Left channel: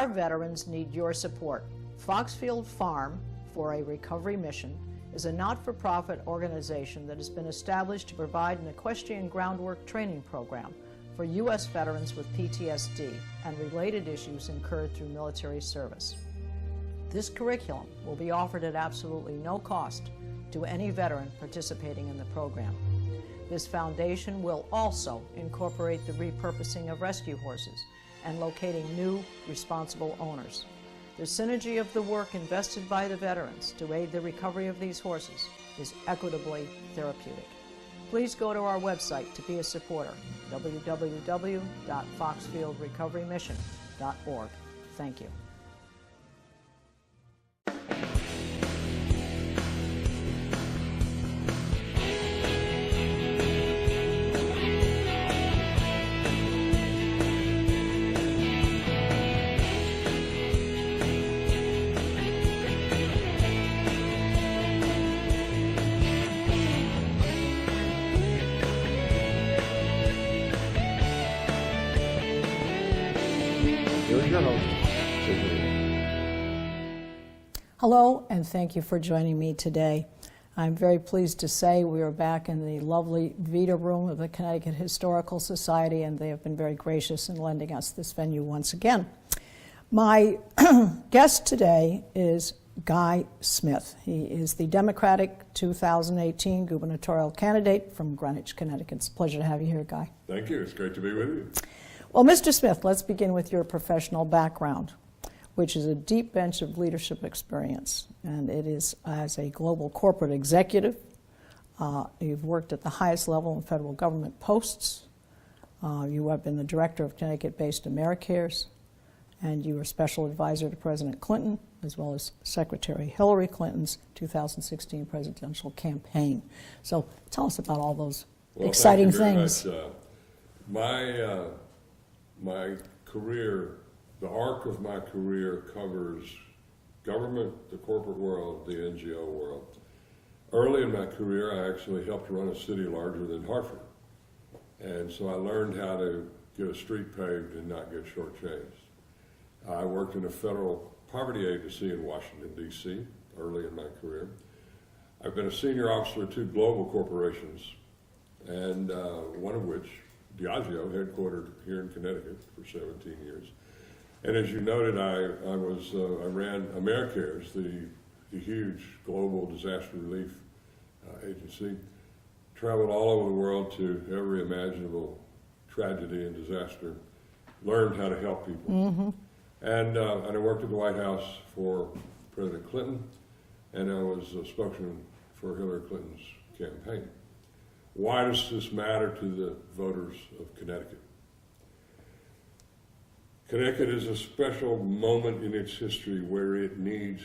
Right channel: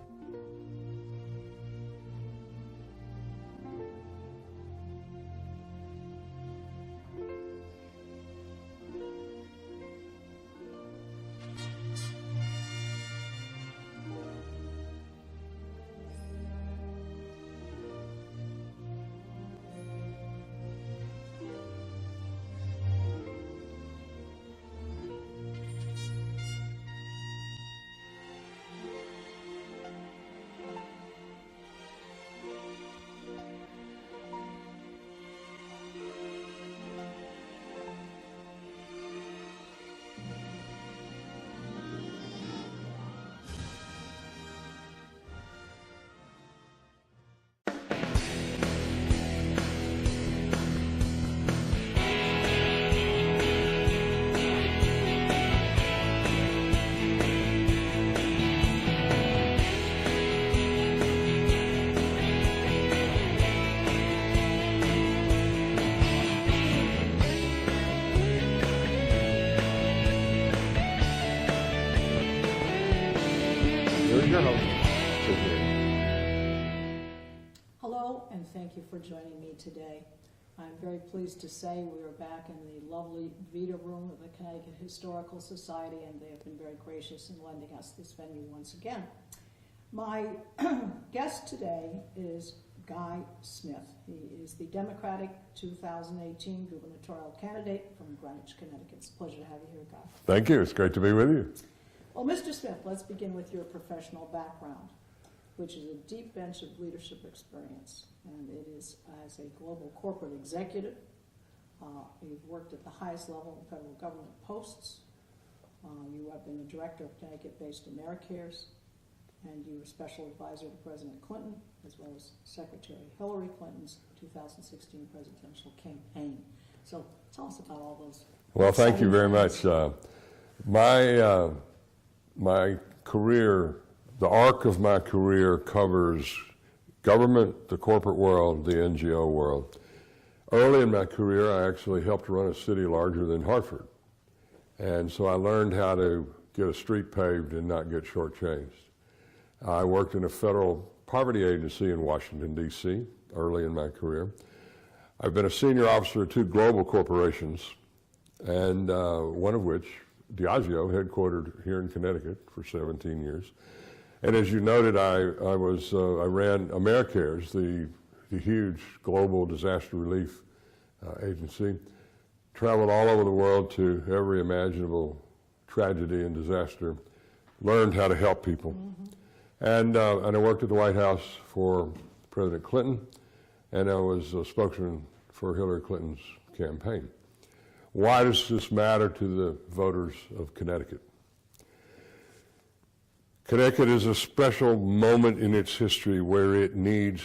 Our veterans need your support. Foxfield Farm for a Recovery Mission is a not-for-profit organization that has been established to provide an equestrian groundwork training program for U.S. veterans with PTSD and related issues incurred through military service. This curriculum will be offered at absolutely no cost to any veteran participating in the program. This foundation will also incorporate the repurposing of rescue horses and locating new, responsible owners. The synergy of the work invested by the veterans to aid the recovery of these horses is equitably therapeutic. Please go to our website to be a supporter, www.foxfieldrecoverymission.org. Thank you. Your host, Sydney. Hello, and thank you for joining me today. I'm very pleased to say we are back in the lovely Vita Room of the Connecticut Historical Society, and they have been very gracious in lending us this venue once again. My guest today is Guy Smith. He is the Democratic 2018 gubernatorial candidate from Greenwich, Connecticut. It's a pleasure to have you here, Guy. Thank you. It's great to be with you. Well, Mr. Smith, let's begin with your professional background, which is a deep bench of leadership experience, and it is as a global corporate executive. You've worked at the highest level in federal government posts. You have been the director of Connecticut-based AmeriCares, and you were special advisor to President Clinton, as well as Secretary Hillary Clinton's 2016 presidential campaign. So tell us about all those exciting things. Well, thank you very much. My career, the arc of my career covers government, the corporate world, the NGO world. Early in my career, I actually helped run a city larger than Hartford. And so I learned how to get a street paved and not get shortchanged. I worked in a federal poverty agency in Washington, D.C. early in my career. I've been a senior officer at two global corporations, and one of which, Diageo, headquartered here in Connecticut for 17 years. And as you noted, I ran AmeriCares, the huge global disaster relief agency. Traveled all over the world to every imaginable tragedy and disaster. Learned how to help people. Mm-hmm. And I worked at the White House for President Clinton, and I was a spokesman for Hillary Clinton's campaign. Why does this matter to the voters of Connecticut? Connecticut is a special moment in its history where it needs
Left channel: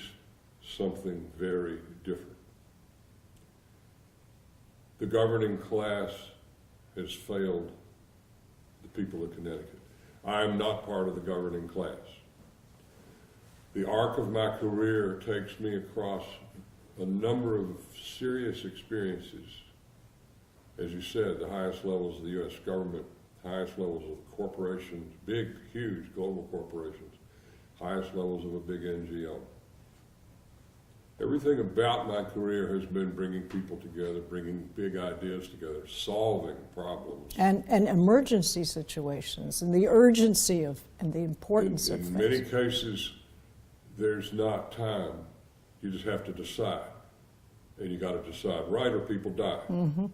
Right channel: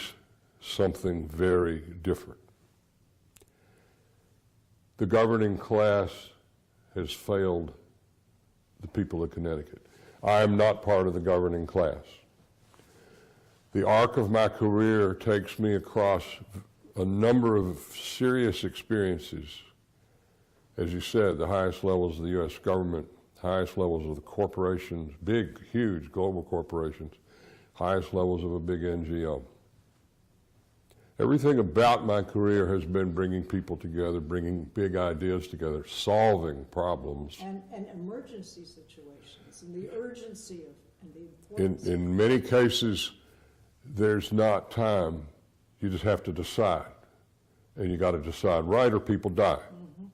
something very different. The governing class has failed the people of Connecticut. I am not part of the governing class. The arc of my career takes me across a number of serious experiences. As you said, the highest levels of the U.S. government, highest levels of the corporations, big, huge global corporations, highest levels of a big NGO. Everything about my career has been bringing people together, bringing big ideas together, solving problems. And emergency situations, and the urgency of, and the importance of In many cases, there's not time. You just have to decide. And you got to decide right or people die. Mm-hmm.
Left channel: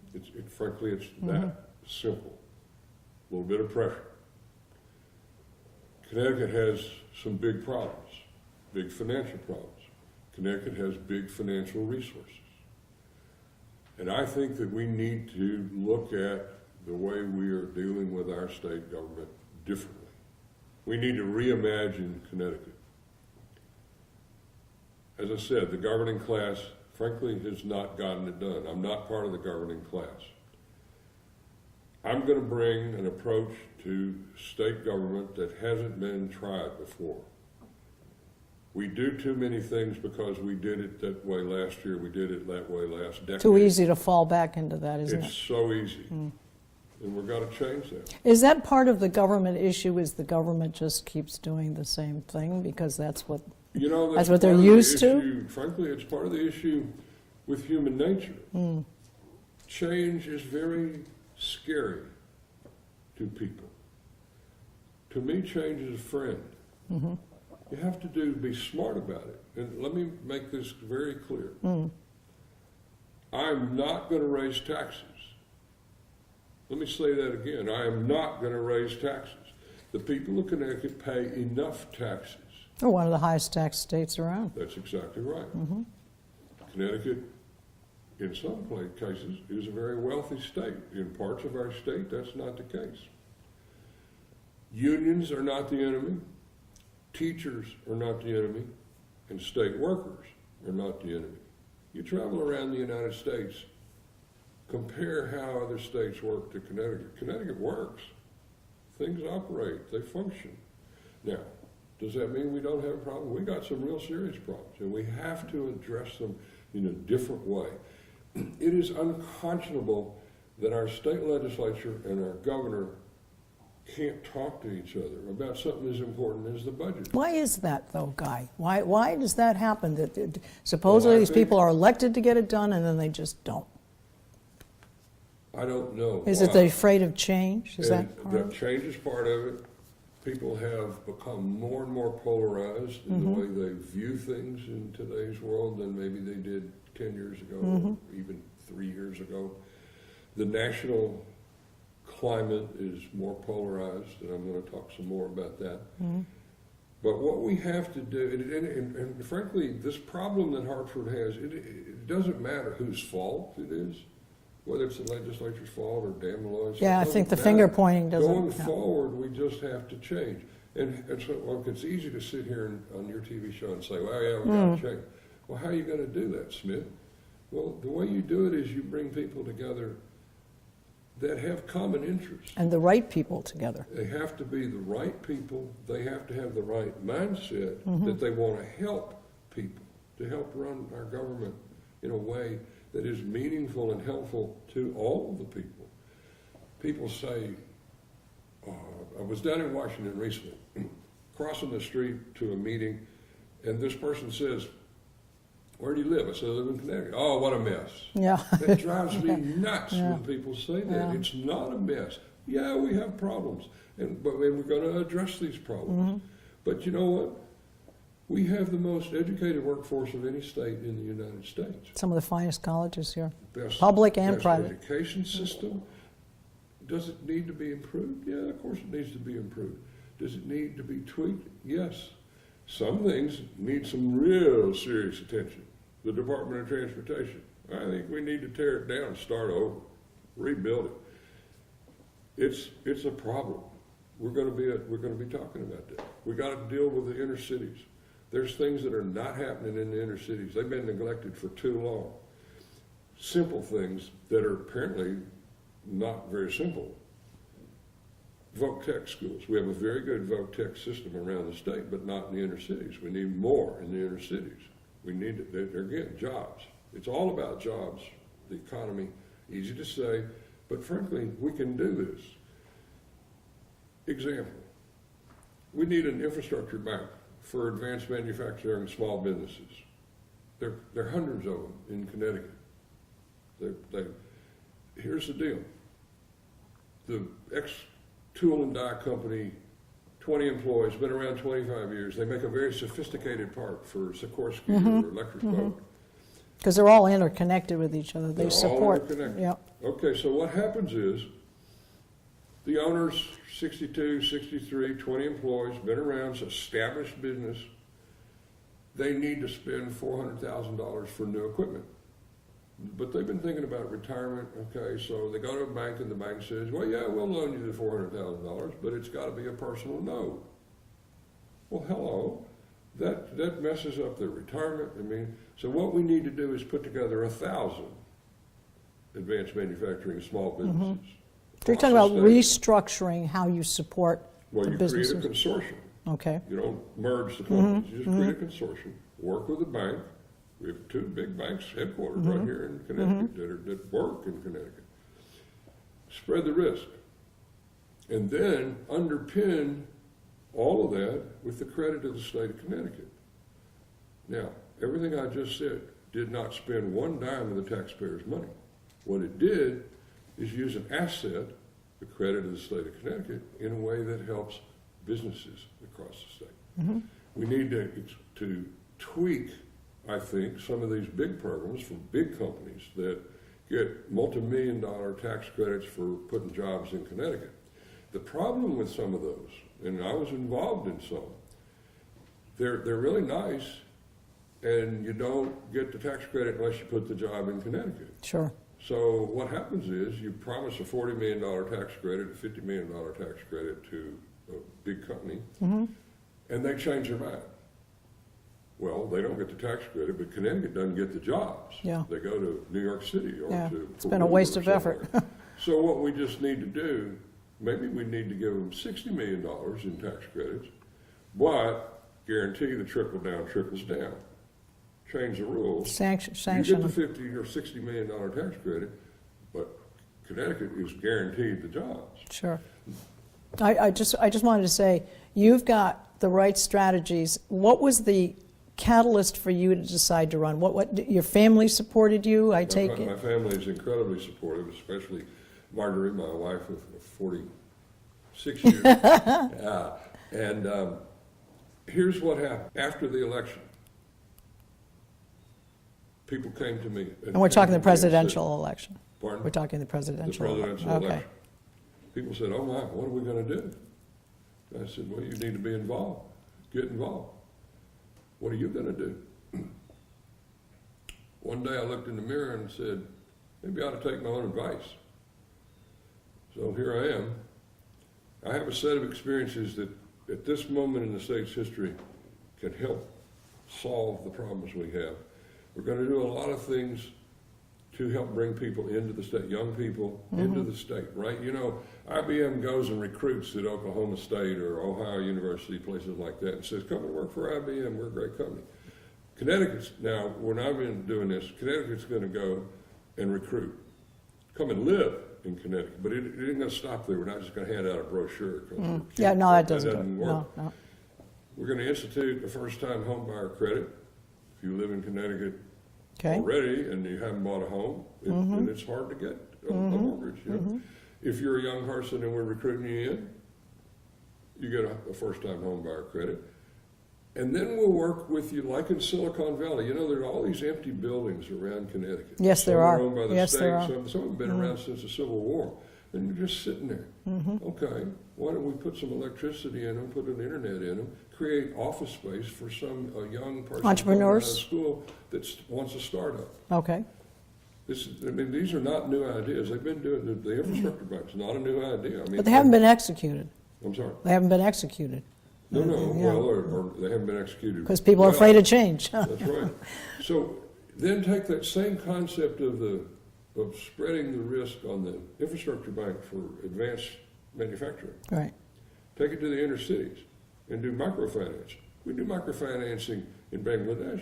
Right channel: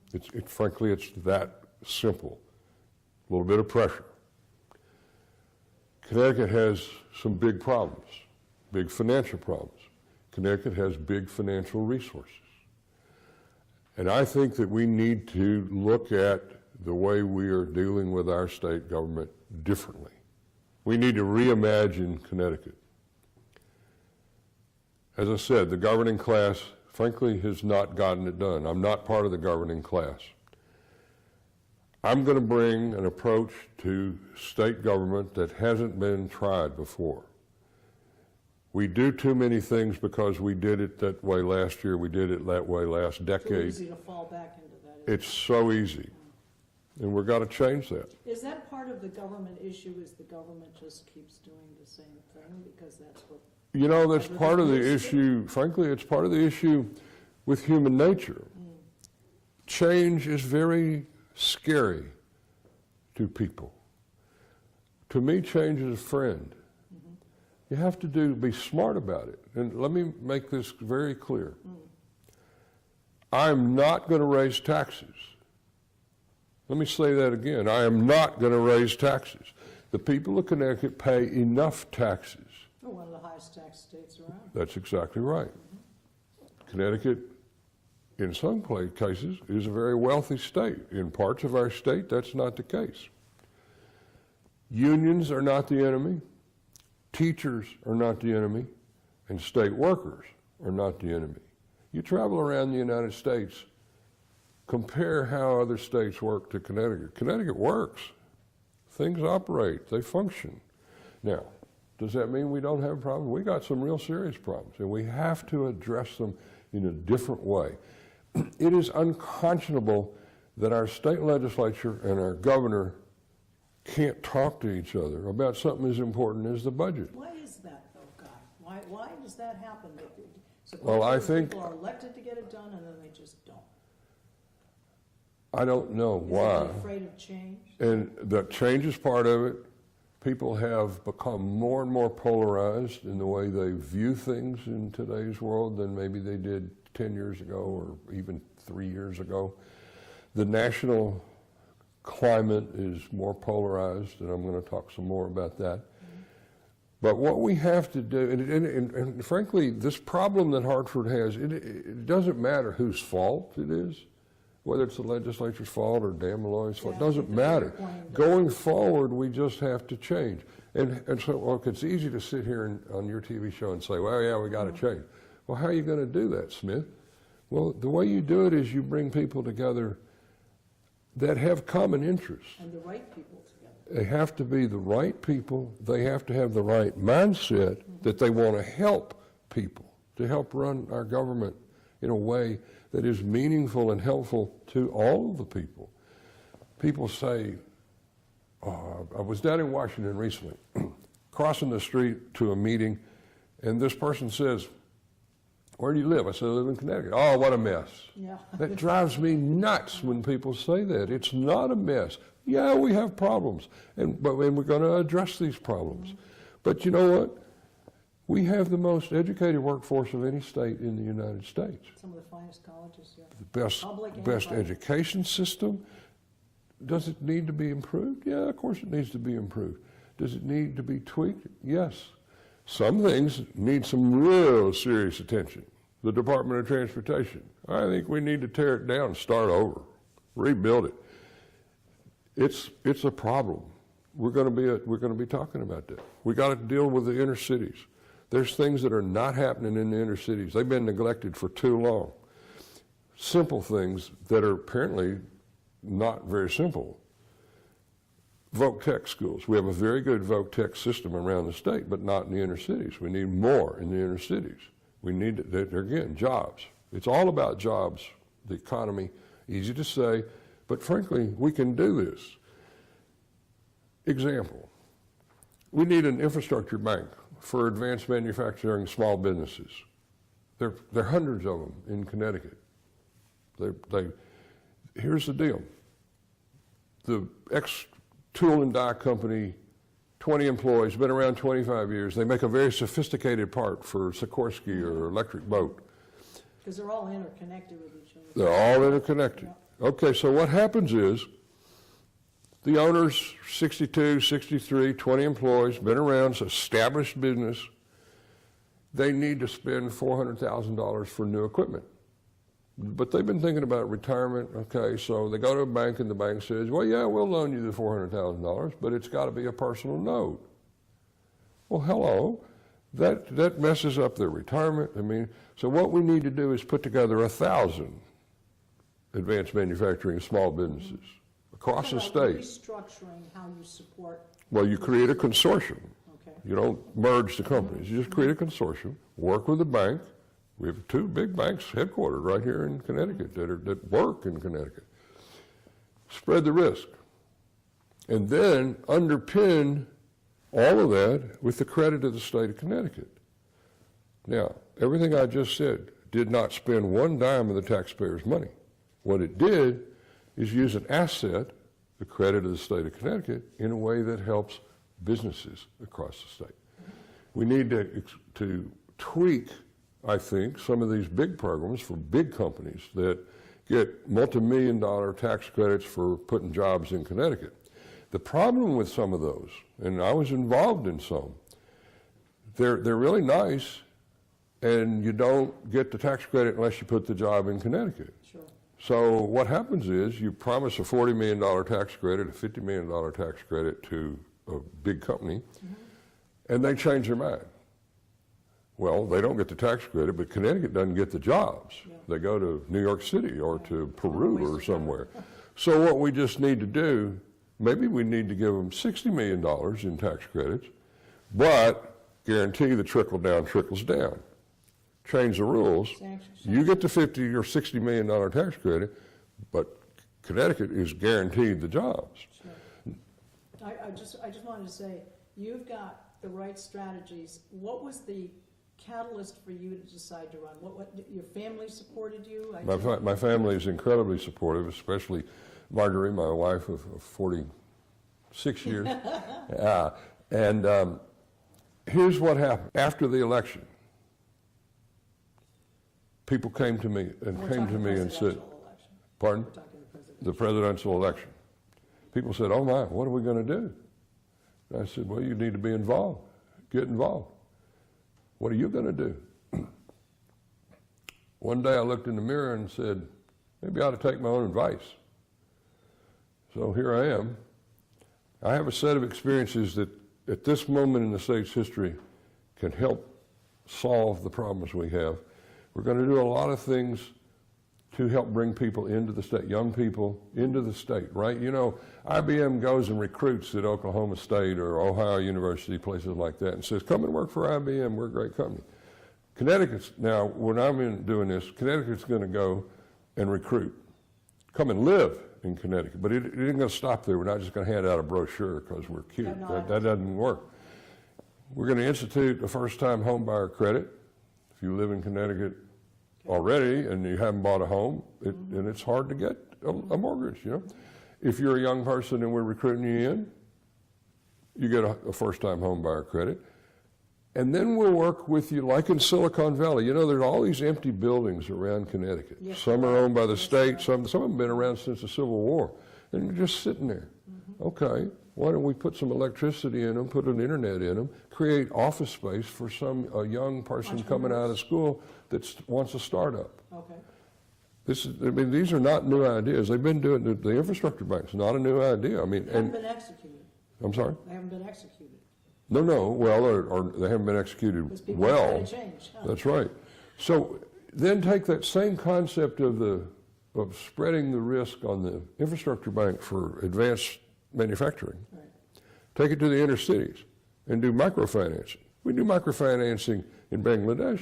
Frankly, it's that simple. A little bit of pressure. Connecticut has some big problems, big financial problems. Connecticut has big financial resources. And I think that we need to look at the way we are dealing with our state government differently. We need to reimagine Connecticut. As I said, the governing class, frankly, has not gotten it done. I'm not part of the governing class. I'm going to bring an approach to state government that hasn't been tried before. We do too many things because we did it that way last year, we did it that way last decade. Too easy to fall back into that, isn't it? It's so easy. and we've got to change that. Is that part of the government issue, is the government just keeps doing the same thing because that's what... You know, that's what part they're of the used to? issue. Frankly, it's part of the issue with human nature. Change is very scary to people. To me, change is a friend. You have to be smart about it. And let me make this very clear. I'm not going to raise taxes. Let me say that again. I am not going to raise taxes. The people of Connecticut pay enough taxes. We're one of the highest tax states around. That's exactly right. Connecticut, in some cases, is a very wealthy state. In parts of our state, that's not the case. Unions are not the enemy. Teachers are not the enemy. And state workers are not the enemy. You travel around the United States, compare how other states work to Connecticut. Connecticut works. Things operate. They function. Now, does that mean we don't have a problem? We got some real serious problems, and we have to address them in a different way. It is unconscionable that our state legislature and our governor can't talk to each other about something as important as the budget. Why is that, though, Guy? Why does that happen? That supposedly these people are elected to get it done, and then they just don't. I don't know. Is it they're afraid of change? Is that change is part of it. People have become more and more polarized in the way they view things in today's world than maybe they did 10 years ago or even 3 years ago. The national climate is more polarized, and I'm going to talk some more about that. But what we have to do, and frankly, this problem that Hartford has, it doesn't matter whose fault it is, whether it's the legislature's fault or Dan Malloy's fault. Yeah, I think the finger pointing doesn't... Going forward, we just have to change. And so, look, it's easy to sit here on your TV show and say, well, yeah, we got to change. Well, how are you going to do that, Smith? Well, the way you do it is you bring people together that have common interests. And the right people together. They have to be the right people. They have to have the right mindset that they want to help people, to help run our government in a way that is meaningful and helpful to all of the people. People say, I was down in Washington recently, crossing the street to a meeting, and this person says, where do you live? I said, I live in Connecticut. Oh, what a mess. Yeah. That drives me nuts when people say that. Yeah. It's not a mess. Yeah, we have problems, but we're going to address these problems. But you know what? We have the most educated workforce of any state in the United States. Some of the finest colleges here. Best, public and best private. Education system. Does it need to be improved? Yeah, of course it needs to be improved. Does it need to be tweaked? Yes. Some things need some real serious attention. The Department of Transportation. I think we need to tear it down and start over, rebuild it. It's a problem. We're going to be talking about that. We got to deal with the inner cities. There's things that are not happening in the inner cities. They've been neglected for too long. Simple things that are apparently not very simple. Voc Tech schools. We have a very good Voc Tech system around the state, but not in the inner cities. We need more in the inner cities. We need, again, jobs. It's all about jobs, the economy. Easy to say, but frankly, we can do this. Example, we need an infrastructure bank for advanced manufacturing small businesses. There are hundreds of them in Connecticut. Here's the deal. The ex-tool and die company, 20 employees, been around 25 years. They make a very sophisticated part for Sikorsky or Electric Boat. Because they're all interconnected with each other. They're all interconnected. Yep. Okay, so what happens is the owners, 62, 63, 20 employees, been around, it's established business. They need to spend $400,000 for new equipment. But they've been thinking about retirement. Okay, so they go to a bank and the bank says, well, yeah, we'll loan you the $400,000, but it's got to be a personal note. Well, hello, that messes up their retirement. I mean, so what we need to do is put together 1,000 advanced manufacturing small businesses. You're talking about restructuring how you support Well, you create a businesses. consortium. Okay. You don't merge the companies. You just create a consortium, work with the bank. We have 2 big banks headquartered right here in Connecticut that work in Connecticut. spread the risk, and then underpin all of that with the credit of the state of Connecticut. Now, everything I just said did not spend one dime of the taxpayers' money. What it did is use an asset, the credit of the state of Connecticut, in a way that helps businesses across the state. Mm-hmm. We need to tweak, I think, some of these big programs for big companies that get multi-million-dollar tax credits for putting jobs in Connecticut. The problem with some of those, and I was involved in some, they're really nice, and you don't get the tax credit unless you put the job in Connecticut. Sure. So what happens is you promise a $40 million tax credit, a $50 million tax credit to a big company, Mm-hmm. and they change their mind. Well, they don't get the tax credit, but Connecticut doesn't get the jobs. Yeah. They go to New York City or Yeah. to It's Peru been a waste or of somewhere. effort. So what we just need to do, maybe we need to give them $60 million in tax credits, but guarantee the trickle down trickles down. Change the rules. You get the $50 or $60 million tax credit, but Connecticut is guaranteed the jobs. Sure. I just wanted to say, you've got the right strategies. What was the catalyst for you to decide to run? What your family supported you, I take it? My family is incredibly supportive, especially Marguerite, my wife of 46 years. And here's what happened. After the election, people came to me. And we're talking the presidential election. Pardon? We're talking the presidential. The presidential Okay. election. People said, oh my, what are we going to do? And I said, well, you need to be involved. Get involved. What are you going to do? One day I looked in the mirror and said, maybe I ought to take my own advice. So here I am. I have a set of experiences that at this moment in the state's history can help solve the problems we have. We're going to do a lot of things to help bring people into the state, young people into the state, right? You know, IBM goes and recruits at Oklahoma State or Ohio University, places like that, and says, come and work for IBM, we're a great company. Connecticut's, now, when I'm doing this, Connecticut's going to go and recruit. Come and live in Connecticut, but it isn't going to stop there. We're not just going to hand out a brochure because we're cute. Yeah, no, that doesn't work. No. We're going to institute a first-time home buyer credit. If you live in Connecticut Okay. already and you haven't bought a home, and it's hard to get a mortgage. You know? If you're a young person and we're recruiting you in, you get a first-time home buyer credit. And then we'll work with you like in Silicon Valley. You know, there's all these empty buildings around Connecticut. Yes, some there are are. owned by the Yes, state, there are. some of them have been around since the Civil War. And they're just sitting there. Okay, why don't we put some electricity in them, put an internet in them, create office space for some young person coming out of Entrepreneurs. school that wants a startup. Okay. These are not new ideas. They've been doing the infrastructure bank's not a new idea. I mean, But they haven't been executed. I'm sorry. They haven't been executed No. Well, or they haven't been executed. because people are afraid of change. That's right. So then take that same concept of spreading the risk on the infrastructure bank for advanced manufacturing. Right. Take it to the inner cities and do microfinancing. We do microfinancing in Bangladesh.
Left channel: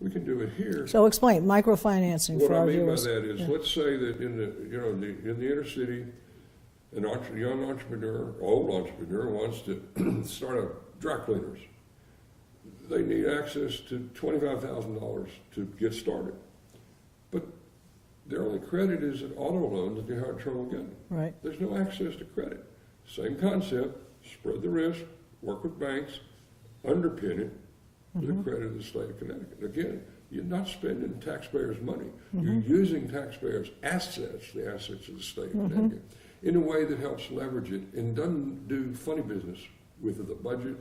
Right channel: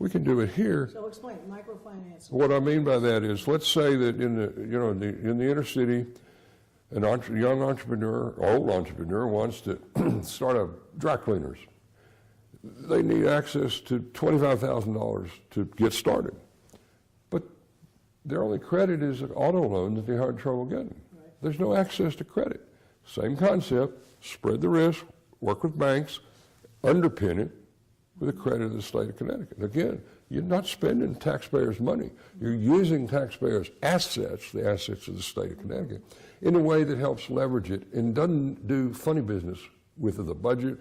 We can do it here. So explain microfinancing. What for I our mean by viewers. that is, let's say that in the inner city, young entrepreneur, old entrepreneur wants to start a dry cleaners. They need access to $25,000 to get started. But their only credit is an auto loan that they had trouble getting. Right. There's no access to credit. Same concept, spread the risk, work with banks, underpin it with the credit of the state of Connecticut. Again, you're not spending taxpayers' money. You're using taxpayers' assets, the assets of the state of Connecticut, in a way that helps leverage it and doesn't do funny business with the budget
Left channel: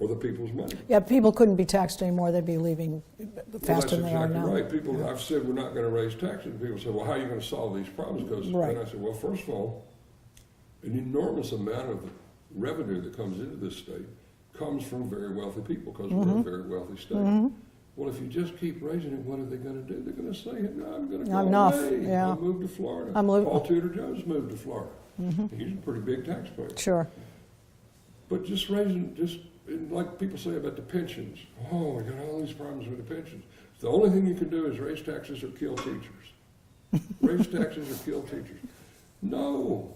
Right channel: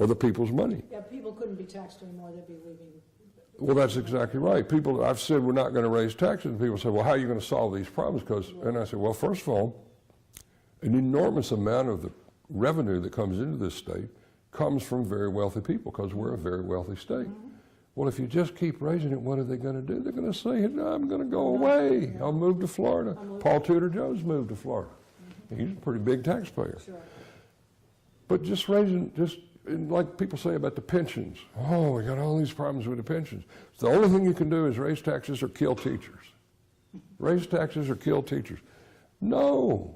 or the people's money. Yeah, people couldn't be taxed anymore. They'd be leaving faster Well, that's than they are exactly now. right. I've said we're not going to raise taxes, and people say, well, how are you going to solve these problems? Right. And I said, well, first of all, an enormous amount of the revenue that comes into this state comes from very wealthy people because we're a very wealthy state. Well, if you just keep raising it, what are they going to do? They're going to say, no, I'm going to go Enough, away. yeah. I'll move to Florida. Paul Tudor Jones moved to Florida. He's a pretty big taxpayer. Sure. But just raising, like people say about the pensions, oh, we got all these problems with the pensions. The only thing you can do is raise taxes or kill teachers. Raise taxes or kill teachers. No.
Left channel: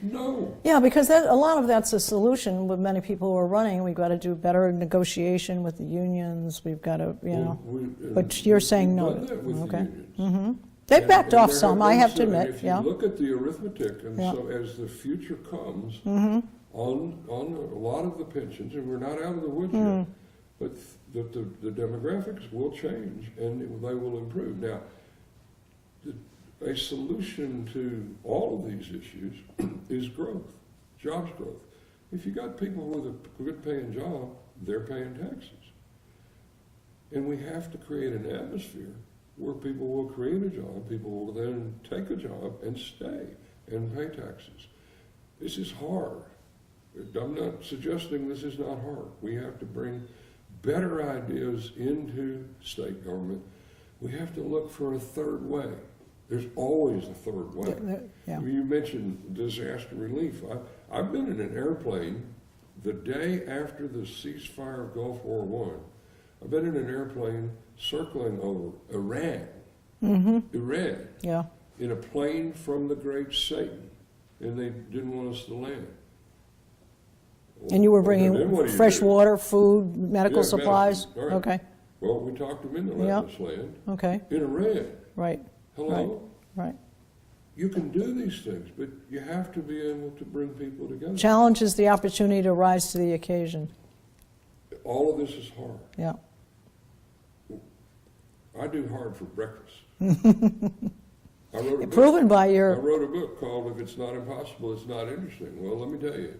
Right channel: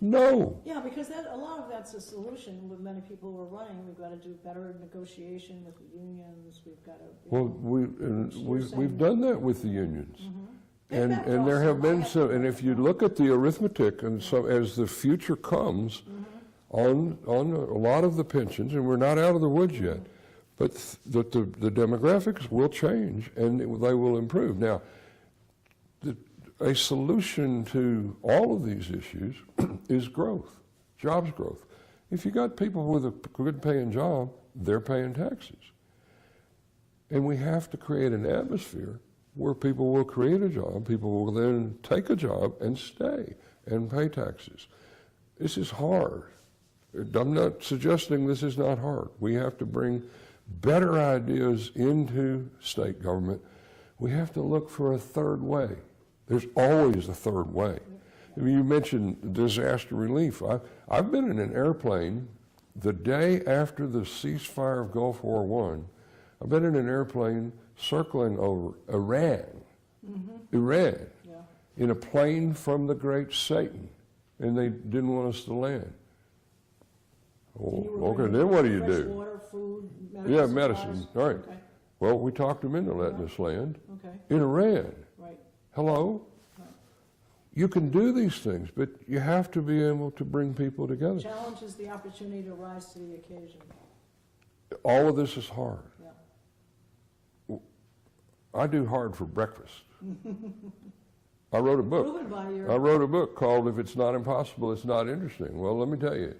No. Yeah, because a lot of that's a solution with many people who are running. We've got to do better negotiation with the unions. We've got to, but you're saying we've no. done that with the Okay. unions. They've backed off there some, I been have to some, admit. And if you yeah. look at the arithmetic, and Yeah. so as the future comes on a lot of the pensions, and we're not out of the woods yet, but the demographics will change and they will improve. Now, a solution to all of these issues is growth, jobs growth. If you got people with a good paying job, they're paying taxes. And we have to create an atmosphere where people will create a job, people will then take a job and stay and pay taxes. This is hard. I'm not suggesting this is not hard. We have to bring better ideas into state government. We have to look for a third way. There's always a third way. Yeah. You mentioned disaster relief. I've been in an airplane the day after the ceasefire of Gulf War I. I've been in an airplane circling over Iran, Iran, Yeah. in a plane from the Great Satan, and they didn't want us to land. And you were Well, then bringing what do you fresh do? water, food, medical Yeah, supplies? medicine, right. Okay, Well, we talked them into letting Yeah. us land okay, in Iran. right, Hello? right. You can do these things, but you have to be able to bring people together. Challenge is the opportunity to rise to the occasion. All of this is hard. Yeah. I do hard for breakfast. I wrote a You're book. proven by I your, wrote a book called "If It's Not Impossible, It's Not Interesting." Well, let me tell you,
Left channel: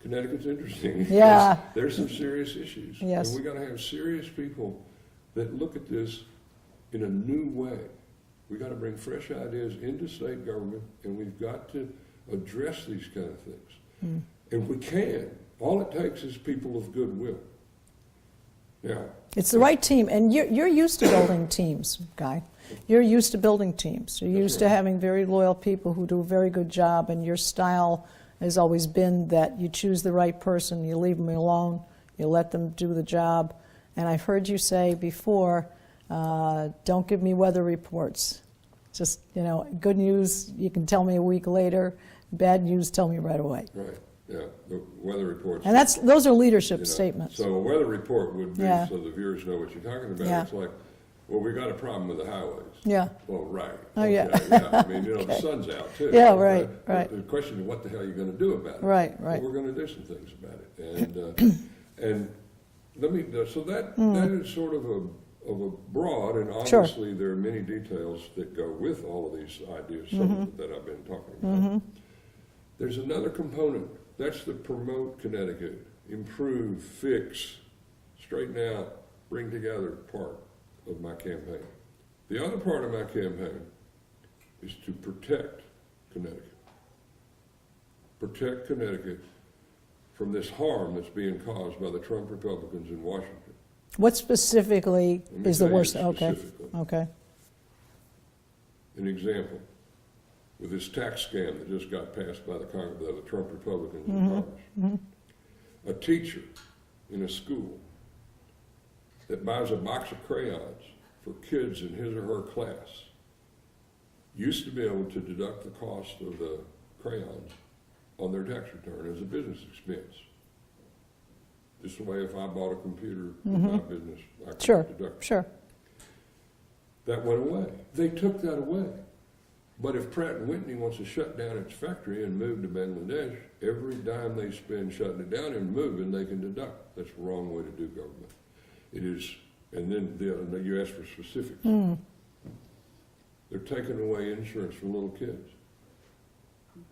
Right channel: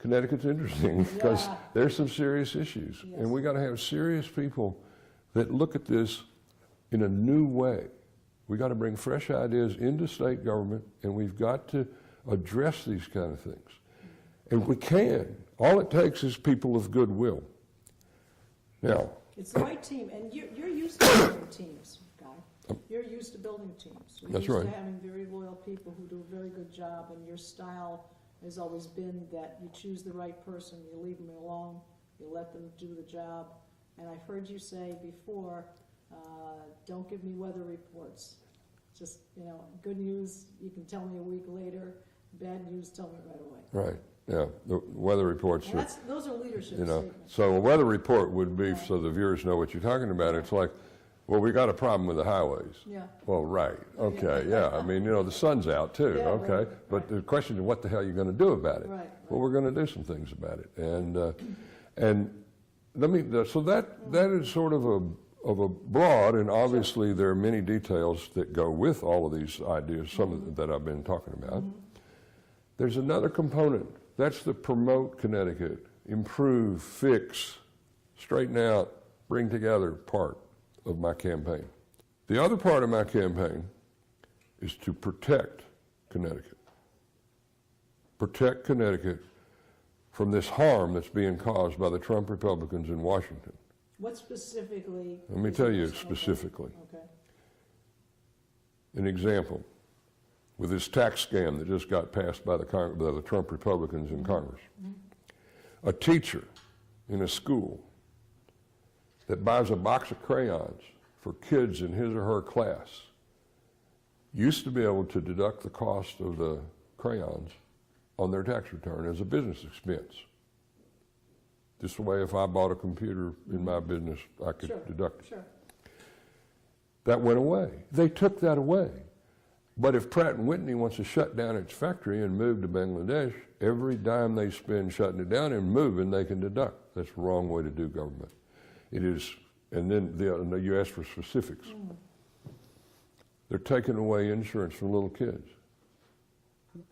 Connecticut's interesting. because Yeah. There's some serious issues, Yes. and we got to have serious people that look at this in a new way. We got to bring fresh ideas into state government, and we've got to address these kind of things. And we can. All it takes is people of goodwill. Now, it's the right team, and you're used to building teams, Guy. You're used to building teams. You're That's used to right. having very loyal people who do a very good job, and your style has always been that you choose the right person, you leave them alone, you let them do the job. And I've heard you say before, don't give me weather reports. Just, good news, you can tell me a week later. Bad news, tell me right away. right, yeah, the weather reports. And those are leadership You know, statements. So a weather report would be, Yeah. so the viewers know what you're talking about. Yeah. It's like, well, we got a problem with the highways. Yeah. Well, right. Oh, Okay, yeah. I mean, the sun's out too. Yeah, okay? right, But right. the question is, what the hell are you going to do about it? Right, Well, right. we're going to do some things about it. And let me, so that is sort of a broad, and obviously there are many details that go with all of these ideas, some that I've been talking about. There's another component. That's the promote Connecticut, improve, fix, straighten out, bring together part of my campaign. The other part of my campaign is to protect Connecticut. Protect Connecticut from this harm that's being caused by the Trump Republicans in Washington. What specifically Let me is the tell you worst? specifically. Okay. An example, with this tax scam that just got passed by the Trump Republicans in Congress. A teacher in a school that buys a box of crayons for kids in his or her class used to be able to deduct the cost of the crayons on their tax return as a business expense. This way, if I bought a computer in my business, I could Sure. deduct it. Sure. That went away. They took that away. But if Pratt & Whitney wants to shut down its factory and move to Bangladesh, every dime they spend shutting it down and moving, they can deduct. That's the wrong way to do government. It is, and then you ask for specifics. They're taking away insurance from little kids.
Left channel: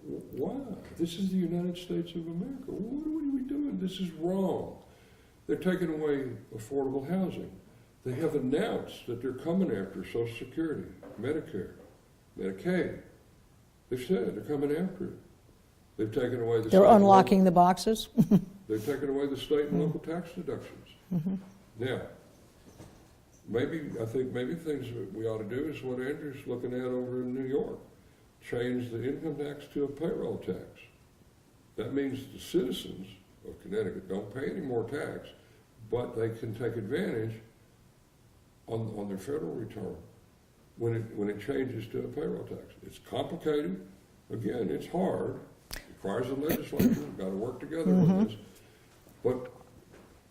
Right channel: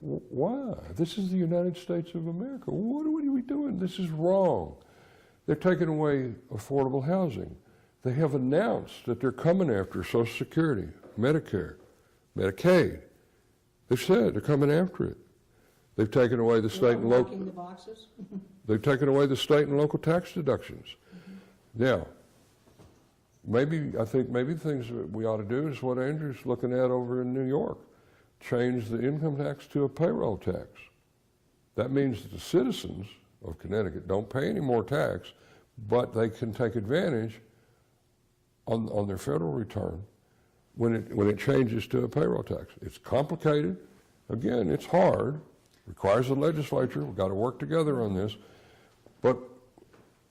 Why? This is the United States of America. What are we doing? This is wrong. They're taking away affordable housing. They have announced that they're coming after Social Security, Medicare, Medicaid. They've said they're coming after it. They've taken away the They're unlocking the boxes. They've taken away the state and local tax deductions. Now, I think maybe things that we ought to do is what Andrew's looking at over in New York. Change the income tax to a payroll tax. That means that the citizens of Connecticut don't pay any more tax, but they can take advantage on their federal return when it changes to a payroll tax. It's complicated. Again, it's hard, requires the legislature, we've got to work together on this. But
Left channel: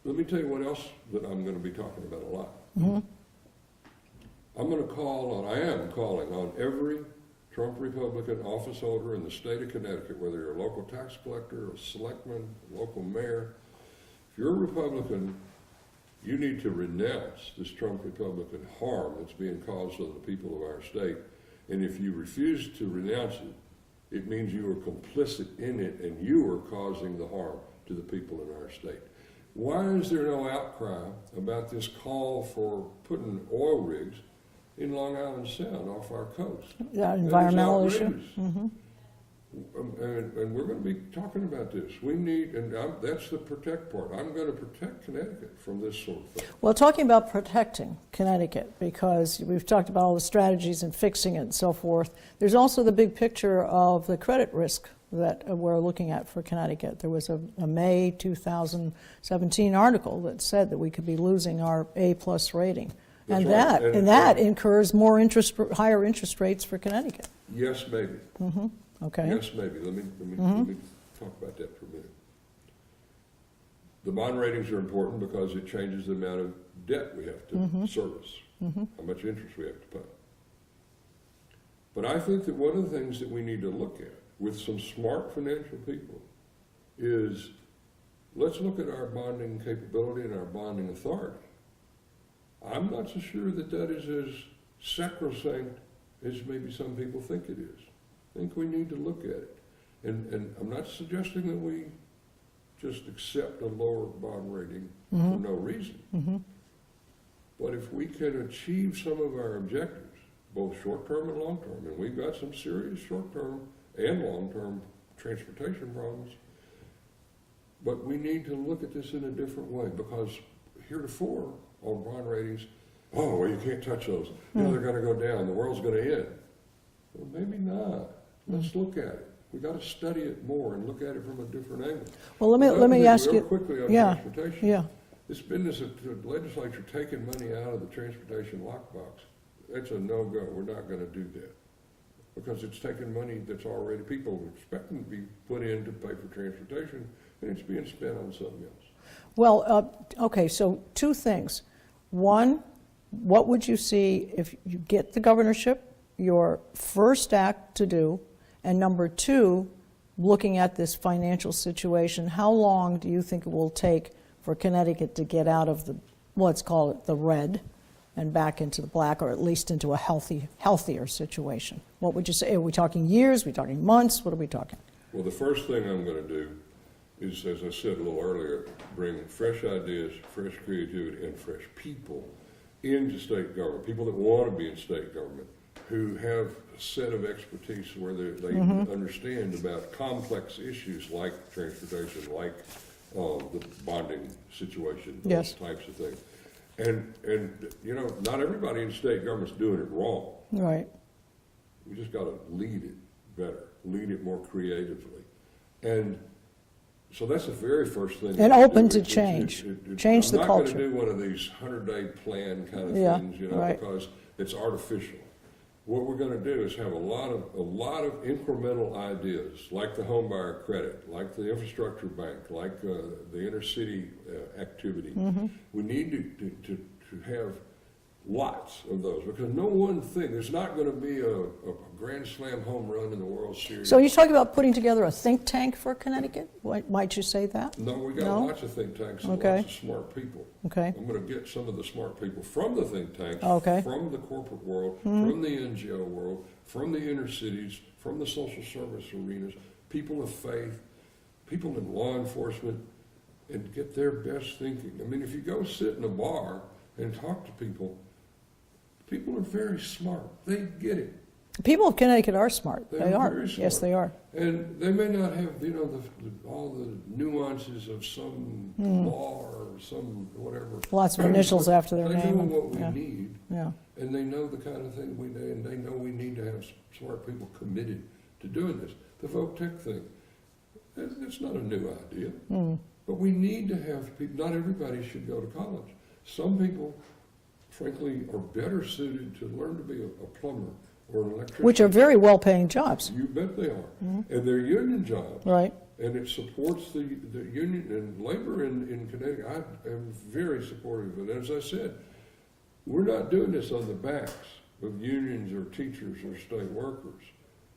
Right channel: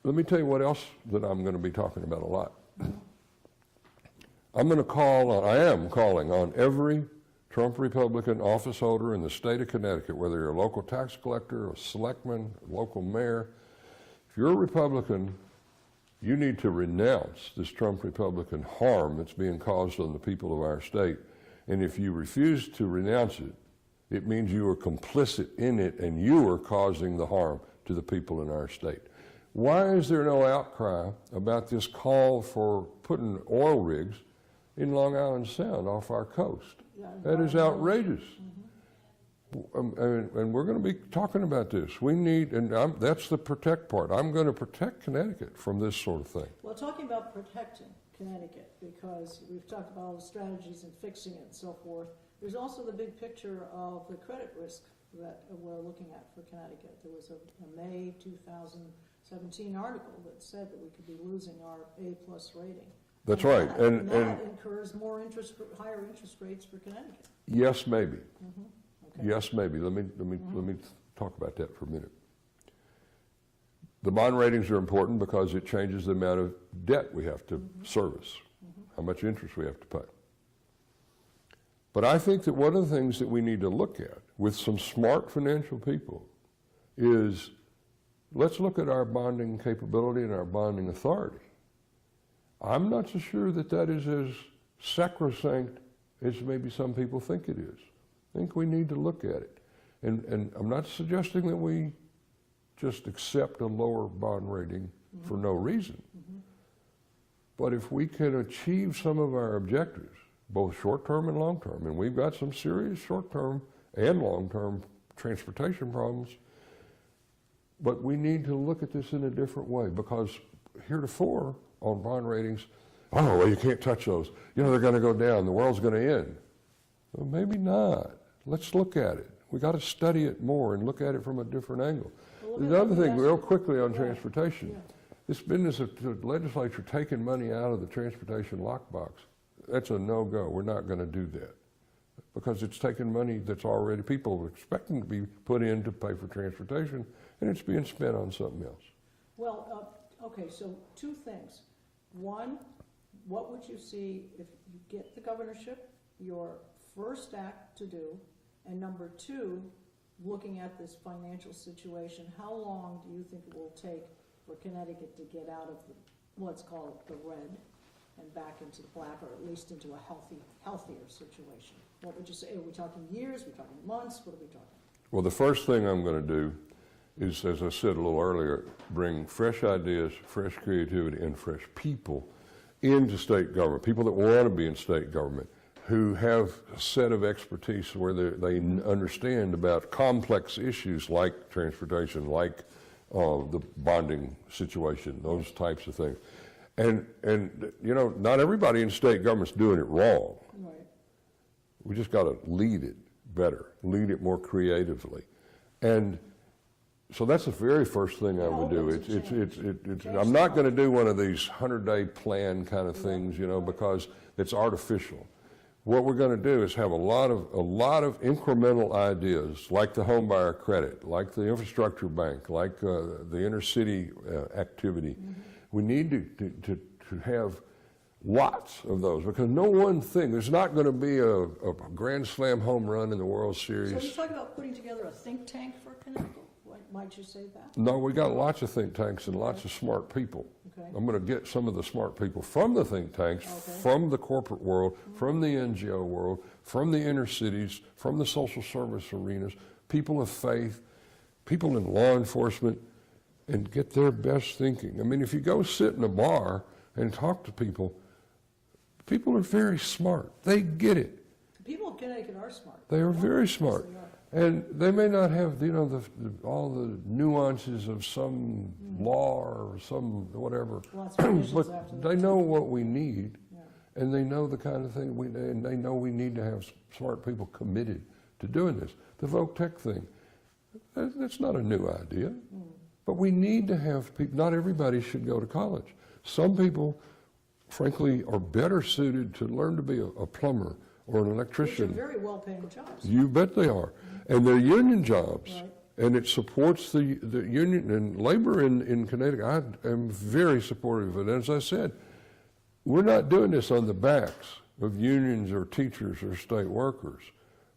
let me tell you what else that I'm going to be talking about a lot. I'm going to call on, I am calling on every Trump Republican office holder in the state of Connecticut, whether you're a local tax collector, a selectman, a local mayor. If you're a Republican, you need to renounce this Trump Republican harm that's being caused on the people of our state. And if you refuse to renounce it, it means you are complicit in it and you are causing the harm to the people in our state. Why is there no outcry about this call for putting oil rigs in Long Island Sound off our coast? Yeah, that is outrageous. Mm-hmm. And we're going to be talking about this. We need, and that's the protect part. I'm going to protect Connecticut from this sort of thing. Well, talking about protecting Connecticut, because we've talked about all the strategies and fixing it and so forth, there's also the big picture of the credit risk that we're looking at for Connecticut. There was a May 2017 article that said that we could be losing our A+ rating. That's and right. that incurs more higher interest rates for Connecticut. Yes, maybe. Mm-hmm. Okay. Yes, maybe. Let me talk about that for a minute. The bond ratings are important because it changes the amount of debt we have to service, how much interest we have to pay. But I think that one of the things that we need to look at with some smart financial people is let's look at our bonding capability and our bonding authority. I'm not so sure that that is as sacrosanct as maybe some people think it is. I think we need to look at it. And I'm not suggesting that we just accept a lower bond rating for no reason. But if we can achieve some of our objectives, both short-term and long-term, and we've got some serious short-term and long-term transportation problems, but we need to look at this in a different way because heretofore on bond ratings, oh, well, you can't touch those. You know, they're going to go down. The world's going to end. Well, maybe not. Let's look at it. We got to study it more and look at it from a different angle. Well, let me ask real you quickly on yeah, transportation. Yeah. This business of the legislature taking money out of the transportation lockbox, that's a no-go. We're not going to do that because it's taking money that's already people expecting to be put in to pay for transportation, and it's being spent on something else. Well, okay, so two things. One, what would you see if you get the governorship, your first act to do, and number two, looking at this financial situation, how long do you think it will take for Connecticut to get out of the, let's call it the red, and back into the black, or at least into a healthier situation? What would you say? Are we talking years? Are we talking months? What are we talking? Well, the first thing I'm going to do is, as I said a little earlier, bring fresh ideas, fresh creativity, and fresh people into state government, people that want to be in state government, who have a set of expertise where they understand about complex issues like transportation, like the bonding situation, those types of things. And you know, not everybody in state government's doing it wrong. Right. We just got to lead it better, lead it more creatively. And so that's the very first thing. And open to change. Change the culture. I'm not going to do one of these 100-day plan kind of things, you know, because it's artificial. What we're going to do is have a lot of incremental ideas, like the home buyer credit, like the infrastructure bank, like the inner city activity. We need to have lots of those because no one thing. There's not going to be a grand slam home run in the World Series. So you're talking about putting together a think tank for Connecticut? Might you say that? No, we got lots of think tanks and lots of smart people. Okay. I'm going to get some of the smart people from the think tanks, from the corporate world, from the NGO world, from the inner cities, from the social service arenas, people of faith, people in law enforcement, and get their best thinking. I mean, if you go sit in a bar and talk to people, people are very smart. They get it. People of Connecticut are smart. They are very smart. Yes, they are. And they may not have, you know, all the nuances of some law or some whatever. Lots of initials after their name. They know what we need, yeah. and they know the kind of thing we need, and they know we need to have smart people committed to doing this. The Voc Tech thing, that's not a new idea, but we need to have people. Not everybody should go to college. Some people, frankly, are better suited to learn to be a plumber or an electrician. Which are very well-paying jobs. You bet they are. And they're union jobs. Right. And it supports the union and labor in Connecticut. I am very supportive of it. As I said, we're not doing this on the backs of unions or teachers or state workers.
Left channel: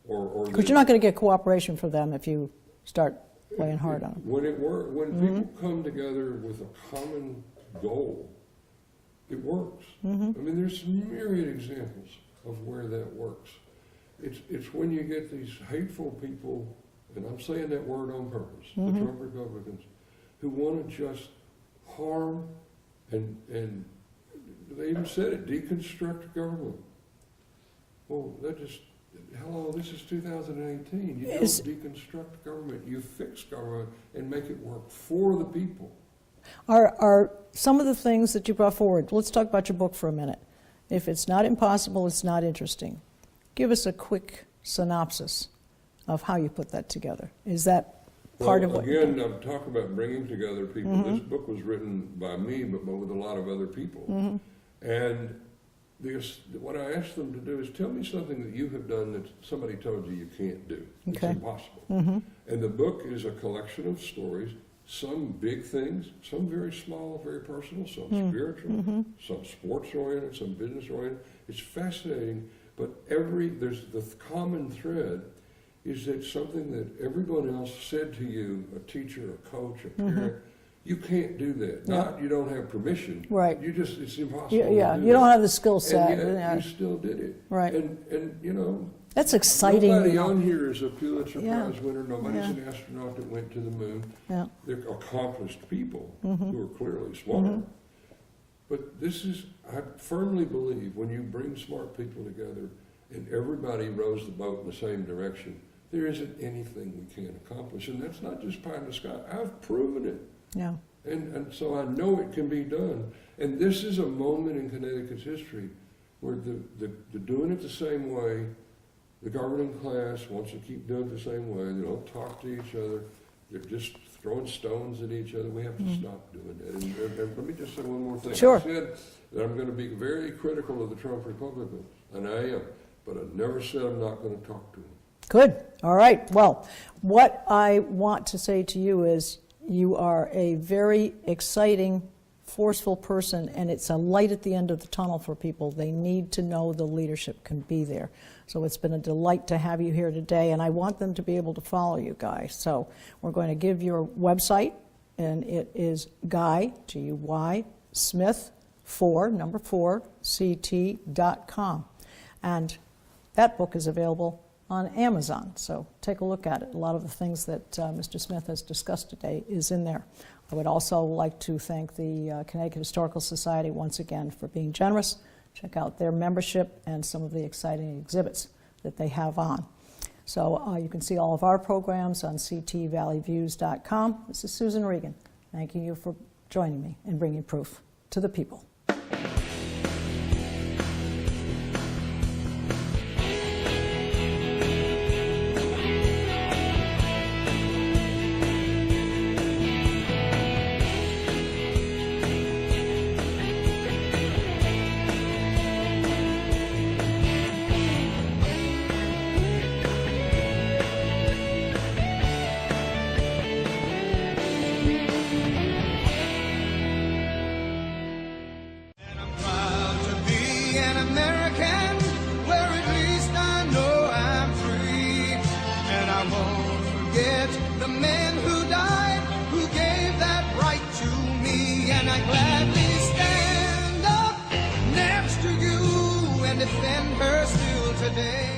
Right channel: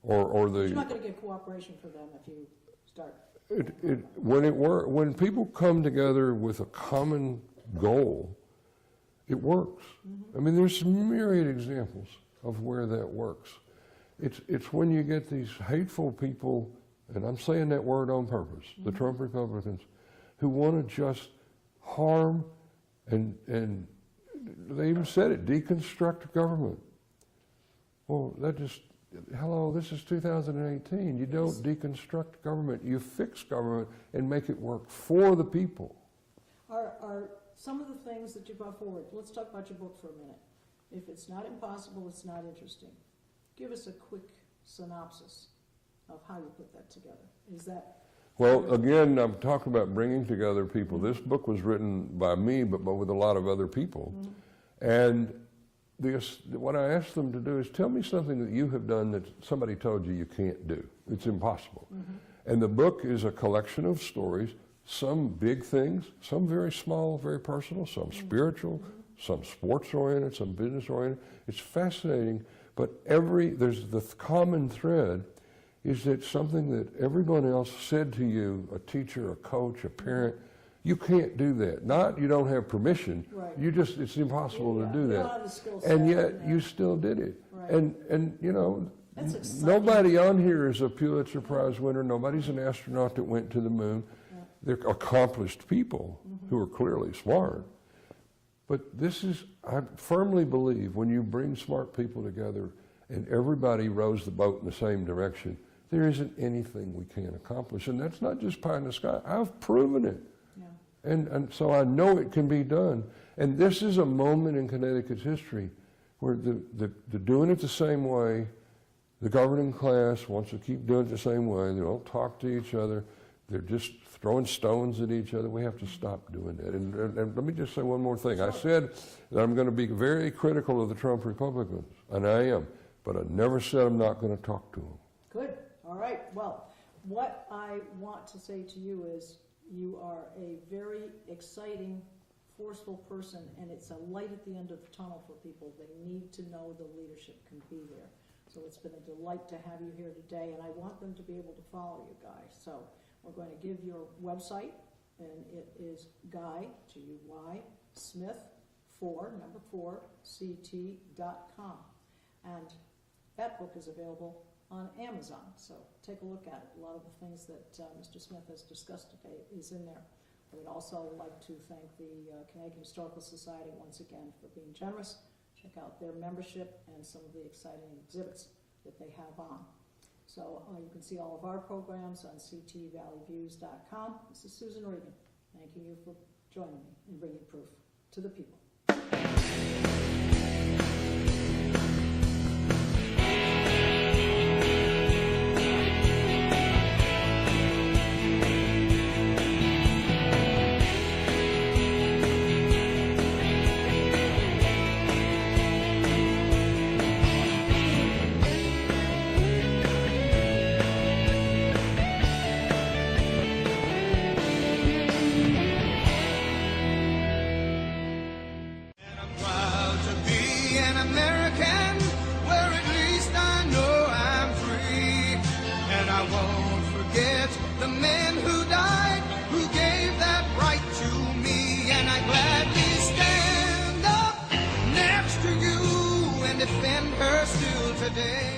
Because you're not going to get cooperation from them if you start playing hard on them. When people come together with a common goal, it works. I mean, there's myriad examples of where that works. It's when you get these hateful people, and I'm saying that word on purpose, the Trump Republicans, who want to just harm and they even said it, deconstruct government. Well, hello, this is 2018. You don't deconstruct government. You fix government and make it work for the people. Are some of the things that you brought forward, let's talk about your book for a minute. If it's not impossible, it's not interesting. Give us a quick synopsis of how you put that together. Is that part of it? Well, again, I'm talking about bringing together people. This book was written by me, but with a lot of other people. And what I asked them to do is tell me something that you have done that somebody told you you can't do. It's impossible. And the book is a collection of stories, some big things, some very small, very personal, some spiritual, some sports-oriented, some business-oriented. It's fascinating, but there's the common thread is that something that everyone else said to you, a teacher, a coach, a parent, you can't do that. Not you don't have permission. Right. It's impossible to do that. You don't have the skill set. And yet you still did it. Right. And you know, that's exciting. Nobody on here is a Pulitzer Prize winner. Nobody's an astronaut that went to the moon. They're accomplished people who are clearly smart. But I firmly believe when you bring smart people together and everybody rows the boat in the same direction, there isn't anything we can't accomplish. And that's not just pie in the sky. I've proven it. Yeah. And so I know it can be done. And this is a moment in Connecticut's history where the doing it the same way, the governing class wants to keep doing it the same way. They don't talk to each other. They're just throwing stones at each other. We have to stop doing that. And let me just say one more thing. Sure. I said that I'm going to be very critical of the Trump Republicans, and I am. But I never said I'm not going to talk to them. Good. All right. Well, what I want to say to you is you are a very exciting, forceful person, and it's a light at the end of the tunnel for people. They need to know the leadership can be there. So it's been a delight to have you here today, and I want them to be able to follow you, Guy. So we're going to give your website, and it is Guy, G-U-Y, Smith, 4, CT.com. And that book is available on Amazon, so take a look at it. A lot of the things that Mr. Smith has discussed today is in there. I would also like to thank the Connecticut Historical Society once again for being generous. Check out their membership and some of the exciting exhibits that they have on. So you can see all of our programs on ctvalleyviews.com. This is Susan Regan, thanking you for joining me and bringing proof to the people. Defend her still today.